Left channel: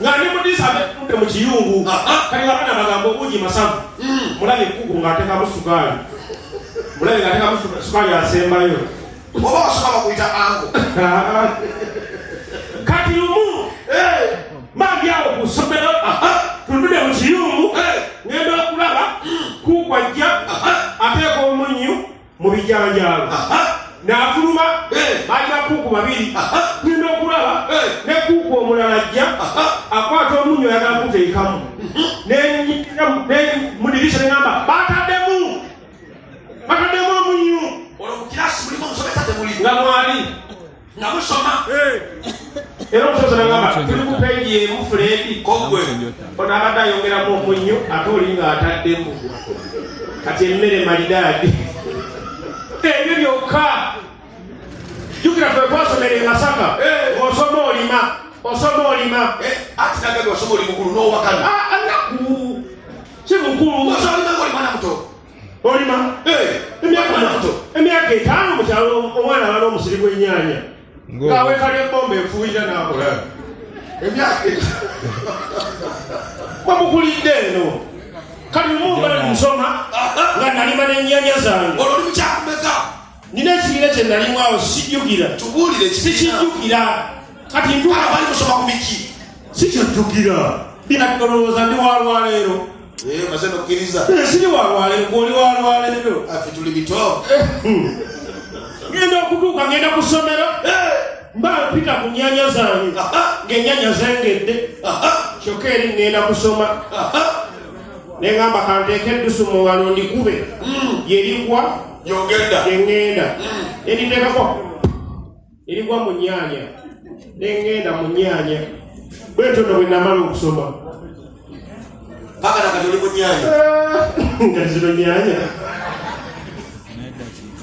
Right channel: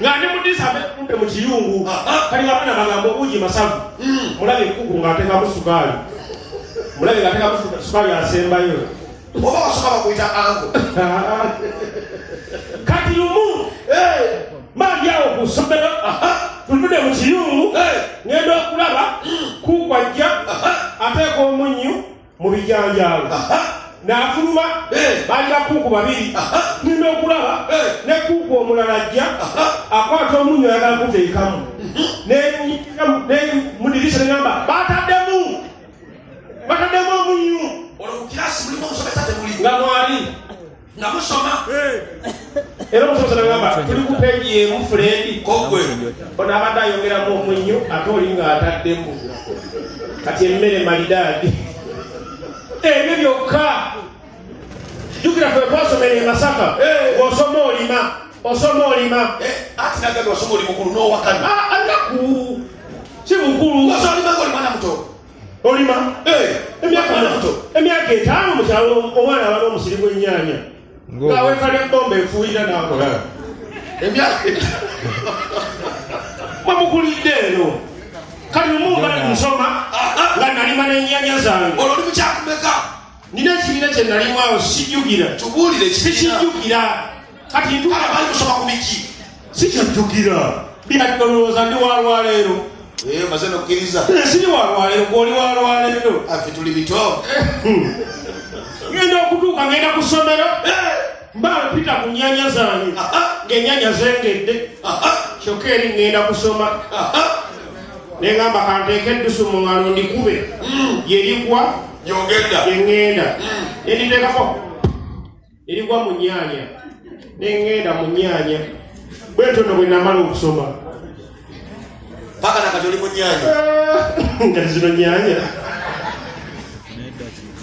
ngani mudisa abe mu kiyungu kali abana bagambo uji masavu mulabe kuku ngateka musukali mulabe ngateka musukali asembayo oba wasoma kuita ango kati lumu mali yawo kusomera tulude mu kiyungu ngenda okulaba kukwajja ateeka omunyu mu bijanjalo n'afuluma bajja kuku babiri ngenda okulaba ne kuku omulala ajja akwata omunyu ayagala kuteekamu mudirisa negamba bataddemu omunyu nga mwali nga musoma era omusomesa nagamba tuli ku peegi emu Fredi kogwe ono abadde ayongeramu omunyu ate oli nga ataddemu kati emmere malidaadi ebyo byokka jukira ffe twasomera e Masaka osoma olima ati nagaga osoma oli mukulu n'owakana anaku si mukulu olima emyaka 5 mukyalo omwana aba n'omusiri gw'ennyaanya ng'awekala ebbomba efuuyira n'akola emyaka wamukulidde eno kati mumugali nsoma nga nalima n'ennyaanya zange olwo oli mukyakumeka nina ekibiina kye nalimwawo sijjukira tubuulire sikijjukira kati bali kusoma ku biki sikyajjukira byadolooza ndi walwaleero maze nokkiriza siri walwaleero gwoli walwaleero affe tuli bito ngenda okutuuka ngenda ku ssomero mba mpita ku nnyanya zange ng'ennyanya zengedde kyokka eri ngenda kusoma neŋŋamba kanteeka eddusu mu ngalo ndikube yerigwa yeŋŋenda eriteekako erigwa mu nnyanya neŋŋenda mu nnyanya bwetyo nno bwe namala okusoma paka nakatoli mu nnyanya nga zino nnyanya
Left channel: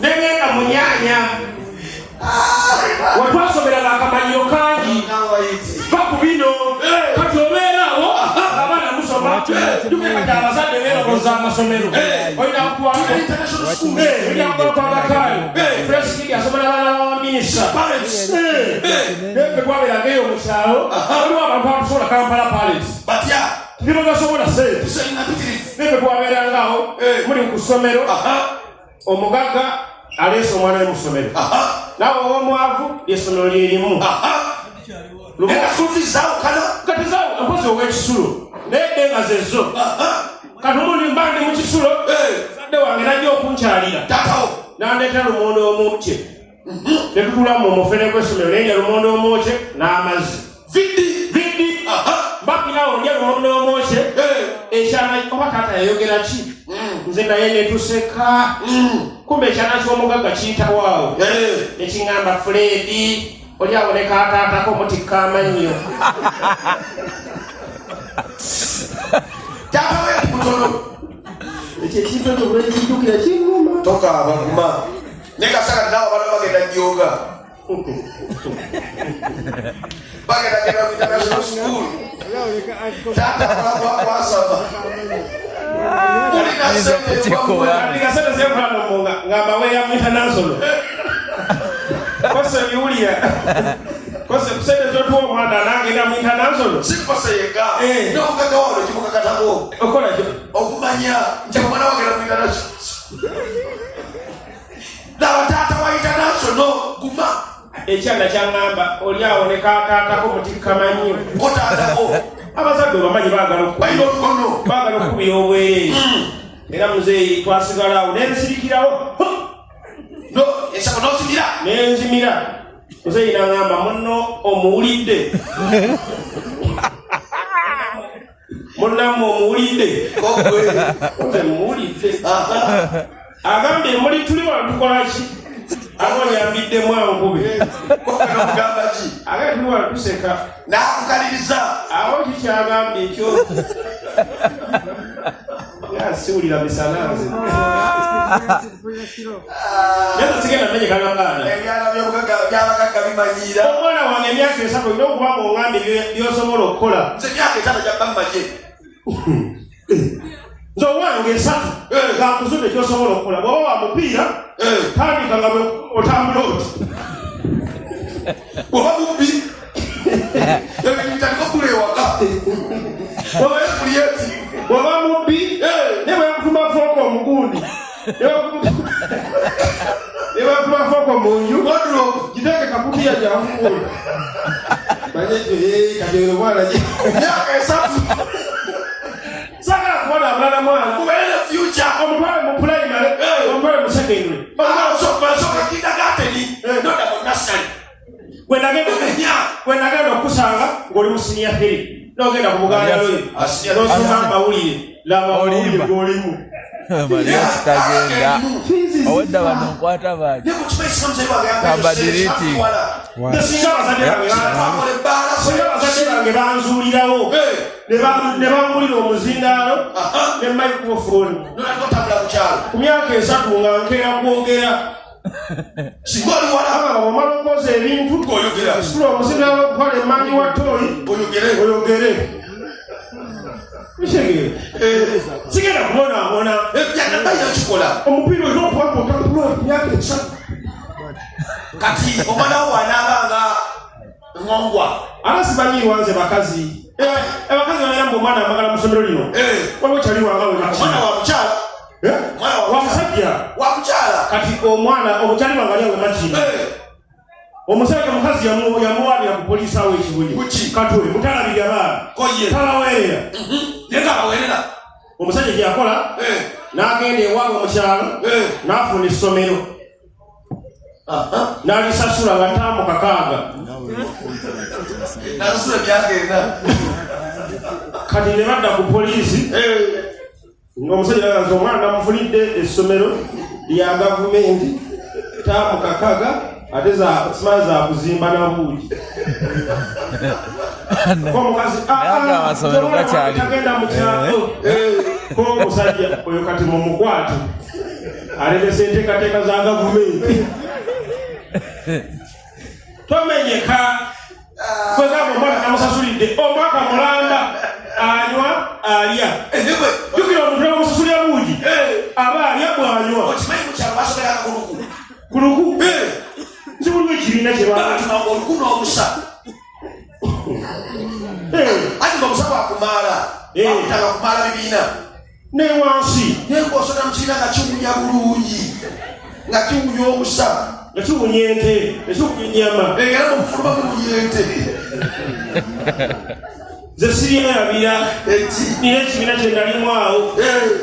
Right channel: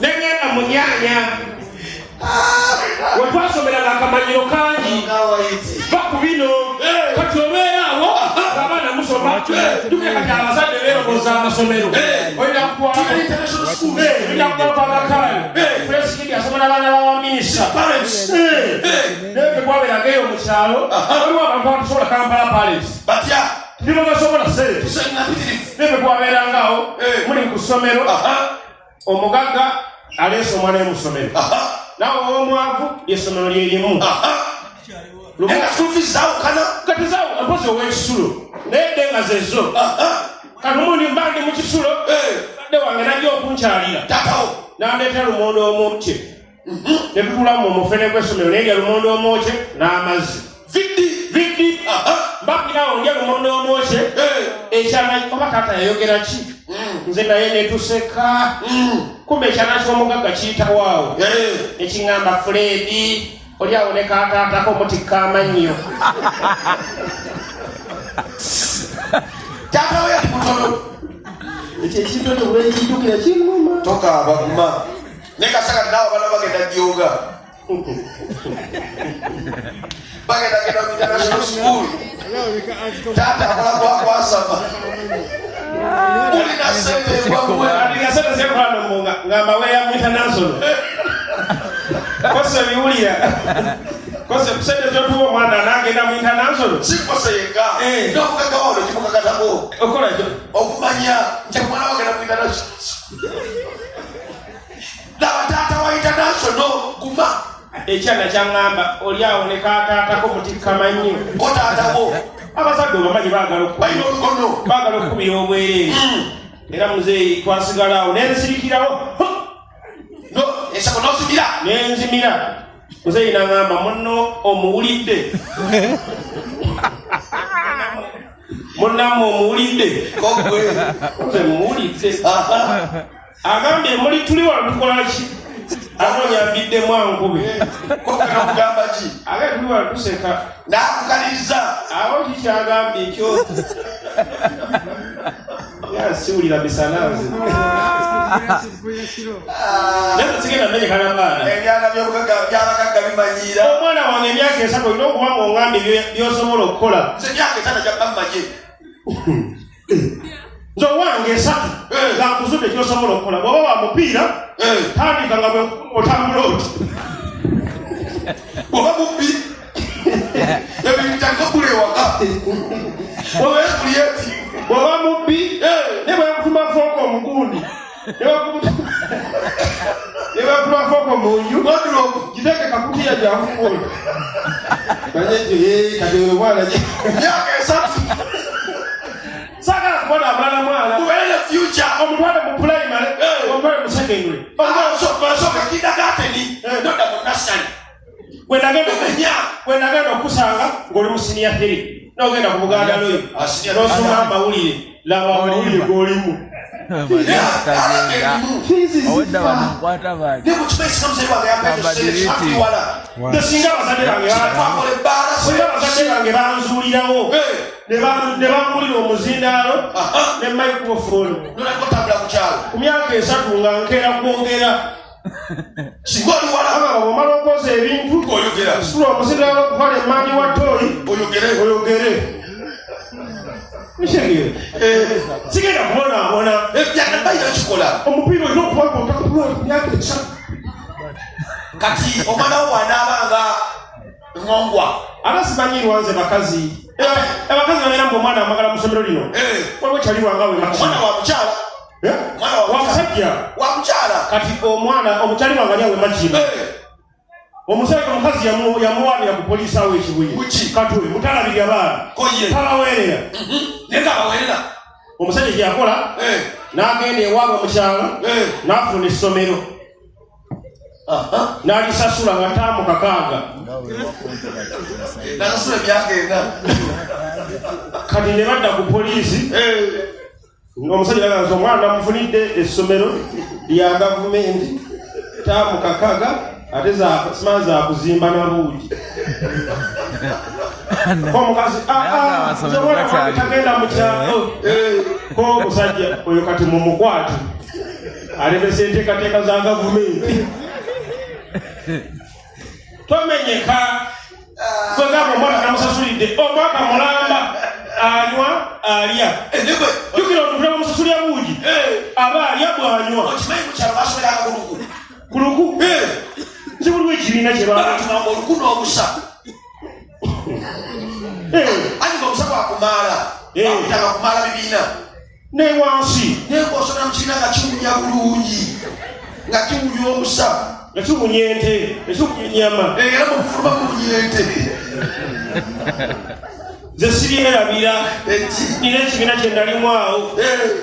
neŋŋenda mu nnyanya wetwasomeranga akamanyiiro kangi baku bino kati obeeraawo abaana musoma duke kati abazadde beeroboza amasomero olina kukwalakaayo fresikidi asomera abaana bawaminisita neve kwabeeraga eyo mukyalo waliwo abantu abatusobola Kampala Palace batya tibasobola sente neve kwabeerangaawo muli ku ssomero omugagga aleese omwana we mu ssomero nawe omwavu essomero lyerimu katizawo mpozi ow'ekisulo nedde nga zezo kati omundi mbande mu kisulo adde wange najja okunkyalira nandeetera lumonde omwokye nebitulamu omufere gw'essomero nendya lumonde omwokye n'amazzi viddi mbakinawo ndya lumonde omwokye ekyana oba taata yayogera ki nze naye netuseka kumbe ekyana ky'omugagga kiyitawaawo nekiŋŋamba Fredi oli aboneka akaatako mutikka amannyo kyakawe yatukutono ekyo ekintu ekyo bwekijjukira kiŋŋuma tokaaba kuma naye kasaka nawe abaana bagenda jjoga bagenda genda mu international school taata kwasaba olina sente ndigasente zekwanomunga ngamba weya mu international kose biwulira kose sente zotuwa omwana nagenda mu international sikose yeka n'omugagga wano kimukakatako okola kyo okumanya nti omwana wagenda mu international nawe taata wa international guma ekyana kyaŋŋamba oli awoneka akaatako mutikka mannyo kotaatako abazadde obamanyi bayina olukono baagala okukubira obwereere era muzeeyi twasigalawo nensirikirawo ensako n'ozimira nenzimira muzeeyi naŋŋamba munno omuwulidde munnamme omuwulidde nze muwulidde agambye muli tuli wano tukola ki abonyambiddemu ankube kokakagamba ki agambye tuli wano tuseka n'akukaliriza awo kikyagambye ekyo yasiwulira bisananze naye sigenda menyekanambaana ebyala byabagagga bimanyiira omwana wange emyaka 3 olina okuba ng'ongambye byosobola okukola nze emyaka 5 gyabammaye nze owange 3 ngakuzudde kyosobola okukola bw'oba wa mupiira tandika nga otambula oti bw'oba mubbi ebintu bitandika okulewa Owe kuliyeti. Bw'oba mubbi ne bwakutuma fooko omugundi ne bwakutuma fooko mu nju giteeke kakutiya gyakukunda kati omwana myaka 3 sagala kubona abalala mwana kubeere future omutwale mu primary omutwale mu secondary omusooka kindergarten noda mu nursery gwe nagenda okusanga ng'oli mu senior 3 n'ogenda ku Buganda lwe n'osoma amawulire laba amawulire g'olimu Awedda bamukwata baki singa abazadde bange banzuulirawo ne bamulira omuzindaalo ne microphone ku myaka 3 nga nkeera kwogera omala okwoza ebintu sula omuzindaalo okutwala emmanyi wa tooyi oyogere sigenda kubonaabona omupiira olina okuwanga otakuwa myaka 3 kati omwana wo wanaabanga ngongwa abasimanyi lwanze bakazi abakazi bayamba omwana amagala mu ssomero lino wabwe kyali wangawe wamusajja kati omwana omukyali wangali awe makina omusajja omukazi yamuwabira ku poliisi awo ekibuye katwe mutalabirya baana talaweerera omusajja gyeyakola n'agenda ewaabwe mu kyalo n'afuna essomero n'alisasula nga ttaamu 6 kati ne badda ku poliisi ng'omusajja naganza omwana namufunidde essomero lya gavumenti ttaamu 6 ate simanyi za kuzimba na buugi omukazi tagenda mu kyalo k'omusajja oyo kati mu mukwate alemesa enteekateeka za gavumenti tomenyeka kwegamba omwana namusasulidde omwaka mulanda anywa alya jukira omuntu namusasulya buugi aba alya bwanywa kuluku nsi buliwo ekibiina oluku n'obusa ati obusa bwakumaala akutanga kumaala bibiina ne wansi nenkosona mu kibiina nga kiwunya bulungi nga kiwunya obusa nga kiwunya ente ekiwunya ennyama era mufuluma muwunya ente ze siryerabira nina ekibiina kye ndalimu awo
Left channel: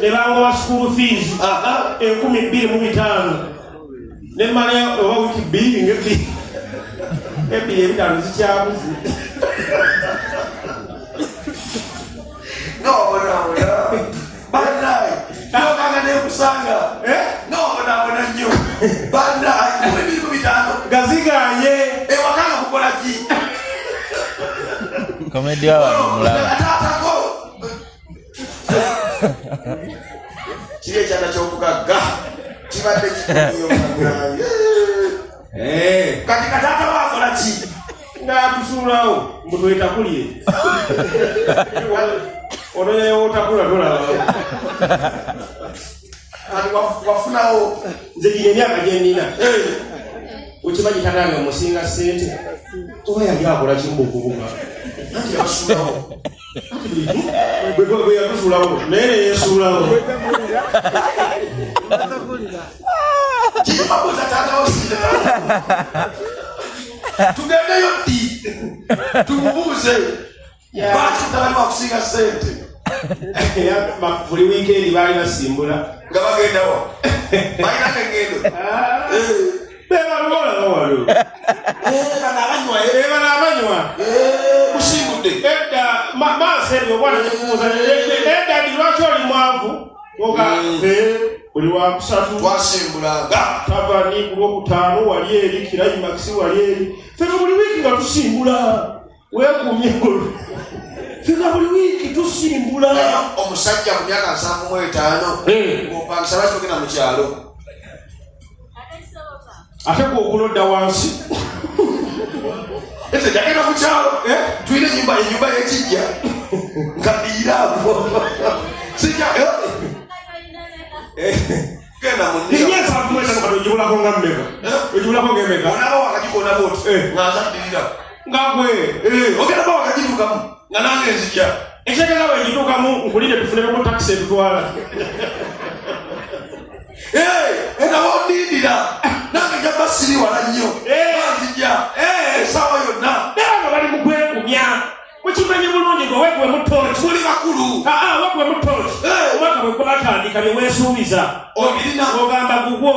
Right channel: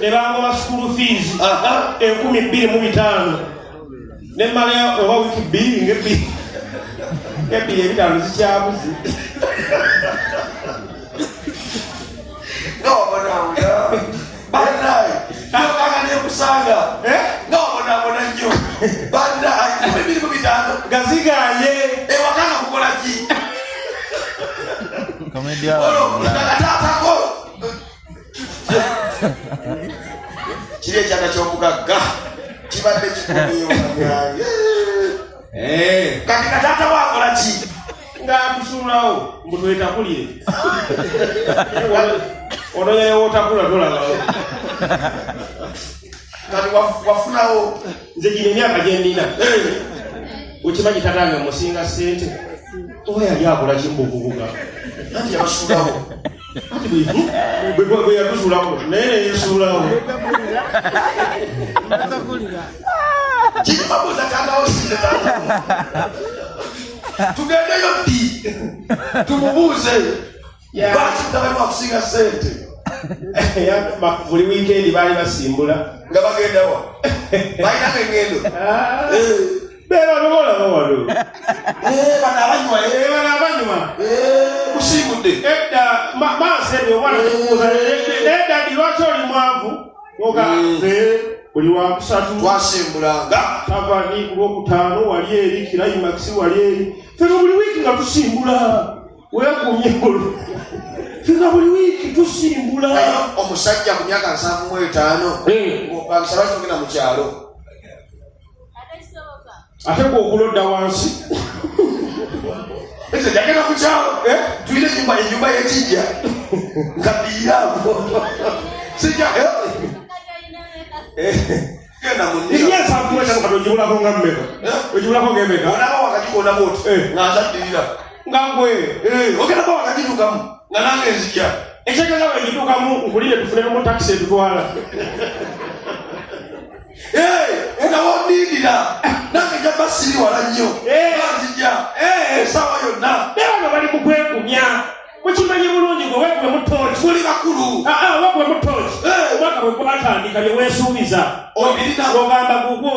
ne bangoma school fees 2,500 ne mmalayo oba wiiki 2 ng'ebbiri 5 zikyabuze banaye nokanga nekusanga nobonabona nnyo banaye ebintu 5 gazigaye ewakanga kukola ki komedia nakatatako kiri ekyana ky'omugagga kibadde kikumiyo kati katata wakola ki ng'atusuulawo mbutu etakulye onoyayo otakula tolaba kati wafunawo nze gino emyaka gyenina okimanyi tatange musinga ssente oba yali akola kimu okuvuga nti yabasuulawo bwe yatusuulawo naye neyesuulawo kimabuza tatawo tugendeyo ddi tumubuuze lwaki mutabani wakusinga ssente buli wiikendi baali basimbula nga bagendawo balinaga engendo bebabibolaba walo bano abanywa musimbudde edda maaso ebyo obwana tekubuuza eddadi lwaki oli mwanvu ogafe buli wakusatu twasimbulanga tavani ku lwokutaano wali eri kirayimakisi wali eri fena buli wiiki nga tusimbula weekumye fena buli wiiki tusimbula omusajja ku myaka 75 opangisa lwaki tugenda mu kyalo ate gwokulodda wansi ese jagenda mu kyalo tulina enyumba y'ekijja nga biiraavo sijja genda ojibulako nga mmeka ojibulako ng'emeka olaba wakati kona boti ng'azaddirira ngagwe ogenda kwa kajidukamu nga nange nzija ekitegeeza bwejidukamu nkulire tufunemu taxi etutwala nga bondindira nange jaba siri wala nnyo nzija esaawa yonna era nga bali mukwekumya mukimanyi bulungi gwe wegwe mutoki tuli bakulu wegwe mutoki omwaka bwe gwatandika ne weesuubiza obirina ogamba gugwo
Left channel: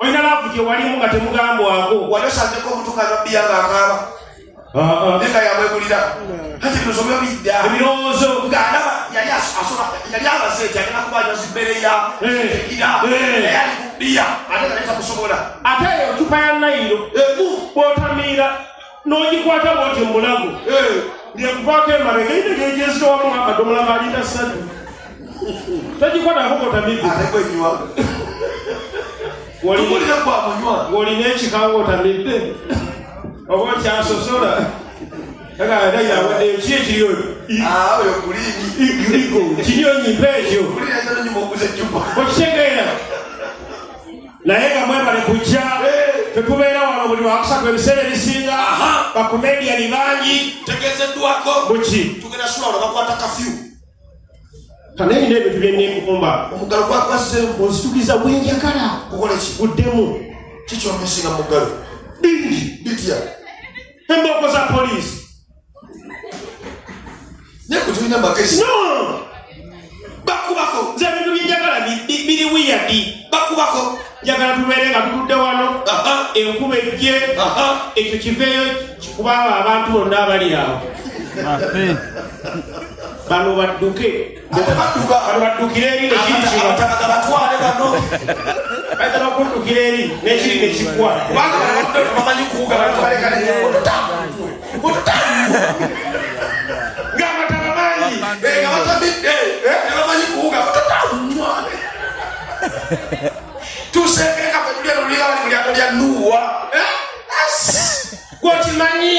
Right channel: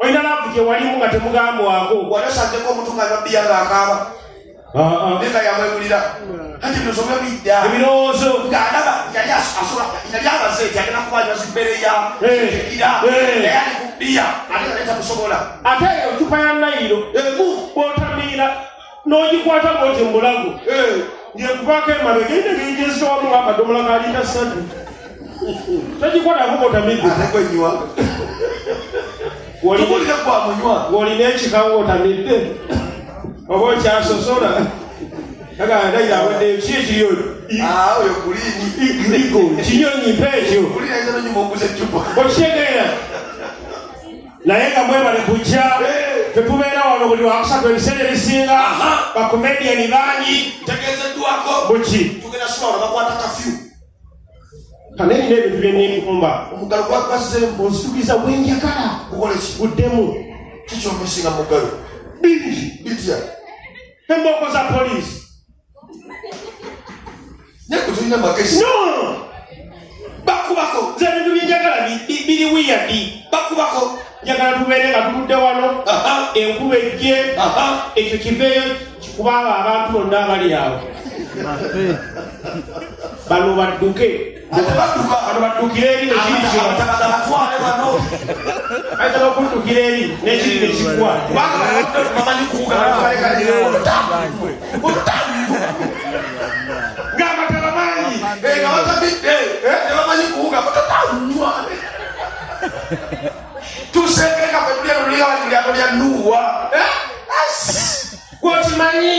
olina laavu gye walimu nga temugambwako wanosangeko omutuka nobbiya ng'akaaba nenga yamwegulira kati ebirowoozo byolidda ebirowoozo ng'alaba yali abaze eti agenda kubanyaza immere ya ekira naye ali ku bbiya ate nga tamusobola ate eyo cupa ya nayiro bw'otamiira n'ogikwata bwoti mulago ng'ekuvaako emabega inegejezitowamu akadomola ka lita 3 togikwatako bw'otamidde atekwenywa tukulire kwa munywa ng'olina ekikawo otamidde oba okyasosola agandayawedde ki ekiri oyo kulini kinyonyi mpa ekyo okitegeera naye nga mwebale kujja tetubeera wano buli wakusatu ebiseera ebisinga bakomediyani bangi tegezeddwako muki tugenda swala bakwata kafyu kanayina ebintu byenekukumba omugalo gwakwasembu onsitukiza bwenjagala kukoleki buddemu kikyomesinga mugalo bingi bitya embooko za poliisi naye tulina magezi no bakubako ze bintu byenjagala biri wiyadi bakubako njagala tubeere nga tutudde wano enkuba ejje ekyo kiveeyo kikubaaba abantu bonna abali awo bano badduke bano baddukire eri nekiriayita bakuddukira eri nekiri nekigwa ng'amataba mangi bamanyi kuwuga tusengereka kwetulyalulira wali mulyato lya nuwa kwokimanyi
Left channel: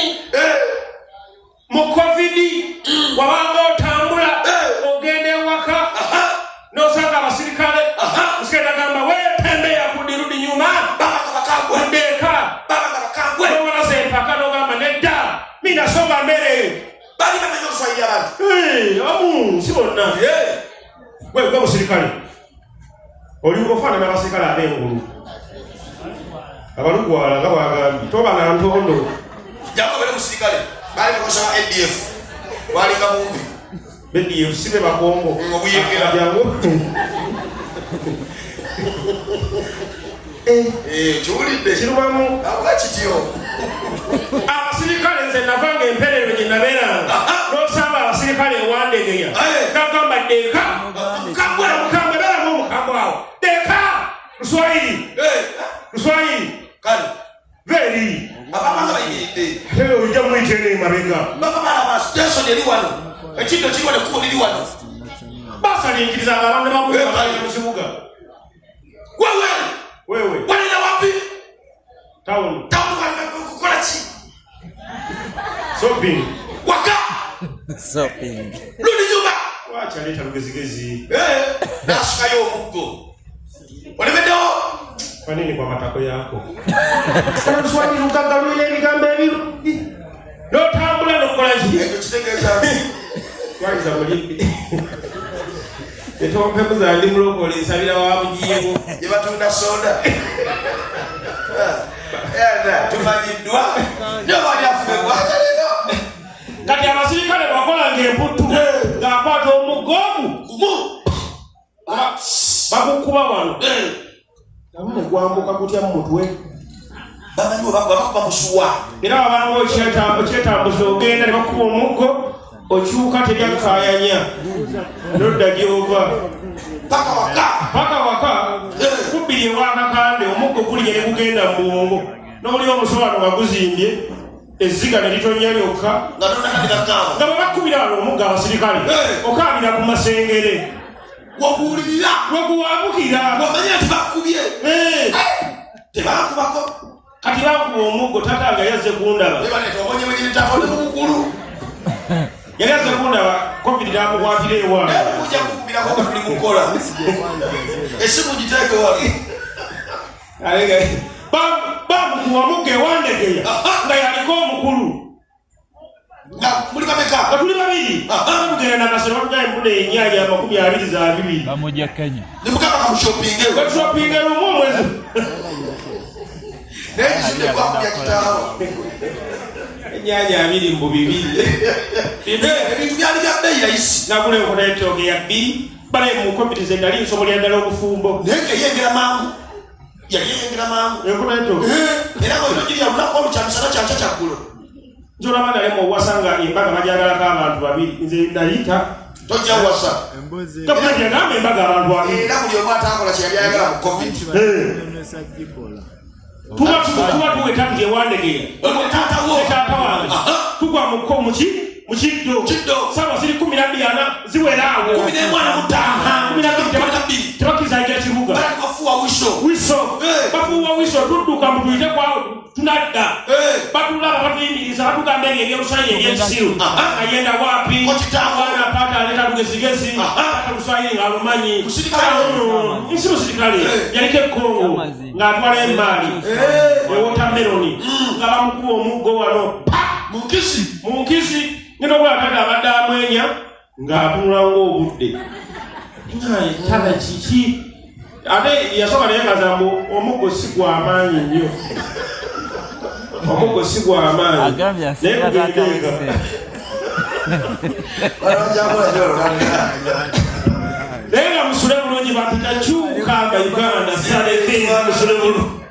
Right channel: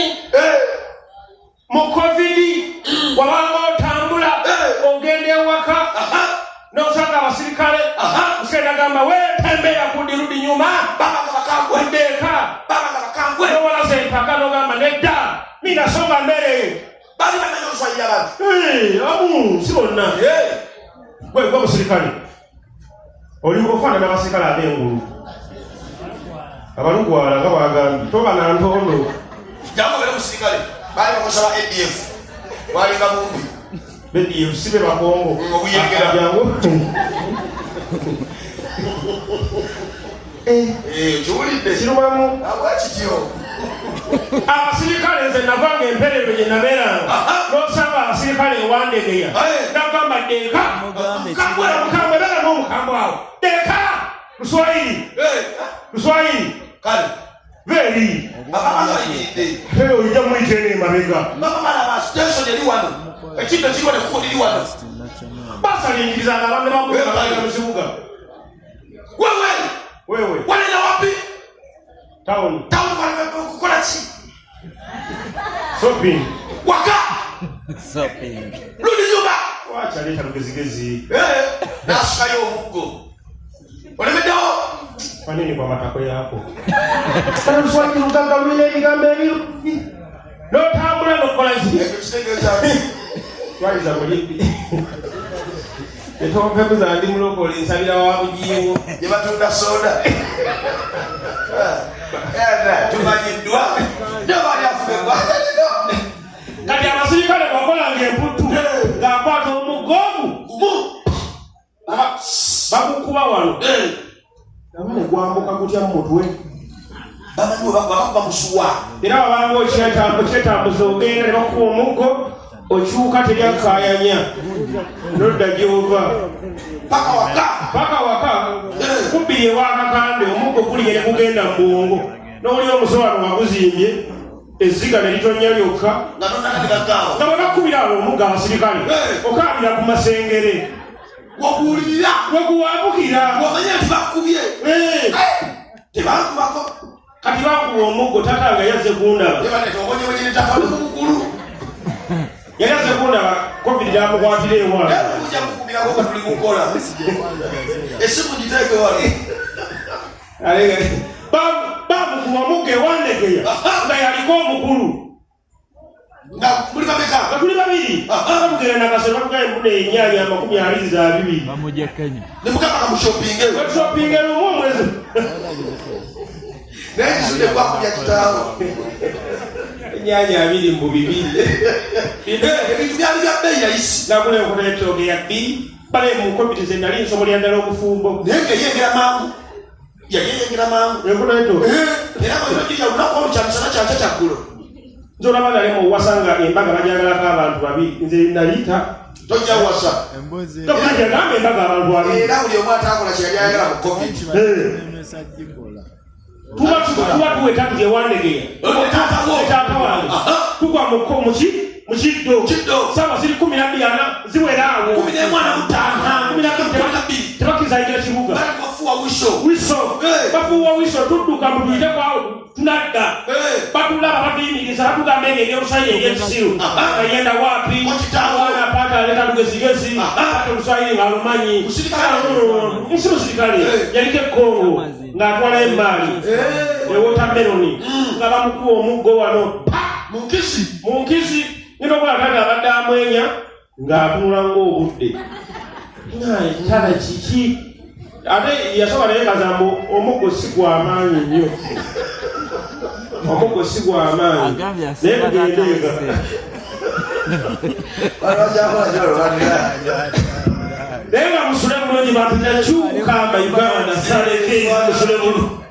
mu covid wabanga otambula ogenda ewaka nosanga abasirikale musikale agamba wetembeya kudi rudi nyuma ndeka nowalaza empaka nogamba nedda minasonga mbere si bonna gwe musirikale oli ofaanana abasirikale ab'engulu abalugwala nga bwagambye tobanga ntondo jamubere musirikale bali bakosa ADF walinga mumbi ADF sibe bakongo obuyengera jangu kiwulidde kirumamu abwakityo abasirikale nze navanga emperero gye nabeeranga n'osanga abasirikale ewandegeya nagamba deka mukambwe beramu omukambwe awo deka luswayiri kale veri babamayidde ojja muyitene emabega babamalabasitensoni eri wano ekintu ekiriwo nekuba liri wano basalingirizanga abantu bamuaa mu kibuga wewe walina wapi tawuni kukola ki shopping waka luli nyumba wakyaleeta lugezigezi nasukayo omuggo olemeddewo kanini kwa matako yako enswagi lugagamira ebigambo ebirungi n'otambula n'okola ki twayiza mulimbi etompekuza ndi mulokole nsabira wa bugiyewo gye batunda soda tumanyiddwa nyobalyafuga kati abasirikale bakolanga emputtu ng'akwata omugoomu bakukuba wano nabone gwambuka kutya mu mutwe bamusuwa era babanga ekyetambuza ogenda ne bakuba omuggo okyuka teryakaayanya nodda gyova paka waka kubbiri ewakakande omuggo guliye ne gugenda mu bwongo n'oli omusowano waguzimbye ezziga ne litonya lyokka nga bwe bakubira abo omuggo abasirikale okaabira ku masengere waguwulirira weguwambukira wamanya nti bakubye tebakubako kati bakuba omuggo tata nga yazze kundaba yali azze kundaba covid namukwatira ewaabwe ujja kukubirako nga tuli mukola esimu giteeke wali bamukuba muwamuge wandegeya nga yaliko omukulu nga muli kameka nga tuli babiri bamugenda n'akasero batugaye mpuna ennyanya 22 bamujja Kenya ne mukama kamushopinge batushopinge lumu omwezi naye kizudde kwakulya kitaawo ennyanya 2 mu 2 ebintu byali bya bbeeyi yayisi nagula enkota y'ettooke ya 2 bale mukompitize nali nsomo lyandala obufumbo naye ng'eyengera mangu yayeyengera mangu enkota y'ettooke era bwegirya lunaku olukyamusana kyanca kyaggulo nzolaba nalema owasanga embaga bajagalako abantu babiri nze nayita tojja wasa tokajagambe embaga abantu babiri era buli omu atakola kyeyali ayagala mu covid tuba tuweta tujewandegeya taata wange tugwa mukiddo sawa ziri 12 ziweraawo 15 tebakizaija kibuga bafuuwa wiso tudduka mutuyite kwawo tunadda batulaba batuyimiriza batugamba ebyo ebyolusayi ebyekisiru ayenda wapi awana pata aleta lugezigezi oluswayiri ngaalumanyi nsi musirikale yaliko ekongo ng'atwala embaali ewotameroni nga bamukuba omuggo wano munkisi ngeno bwakati abadde amwenya ng'atunula ng'obudde tala kiki ate yasoba nayegaza mbu omuggo si gw'amaanyi nnyo omuggo si gw'amaanyi naye kugendeega naye nga musule bulungi bapita kyukamba uganda saleke musule bulungi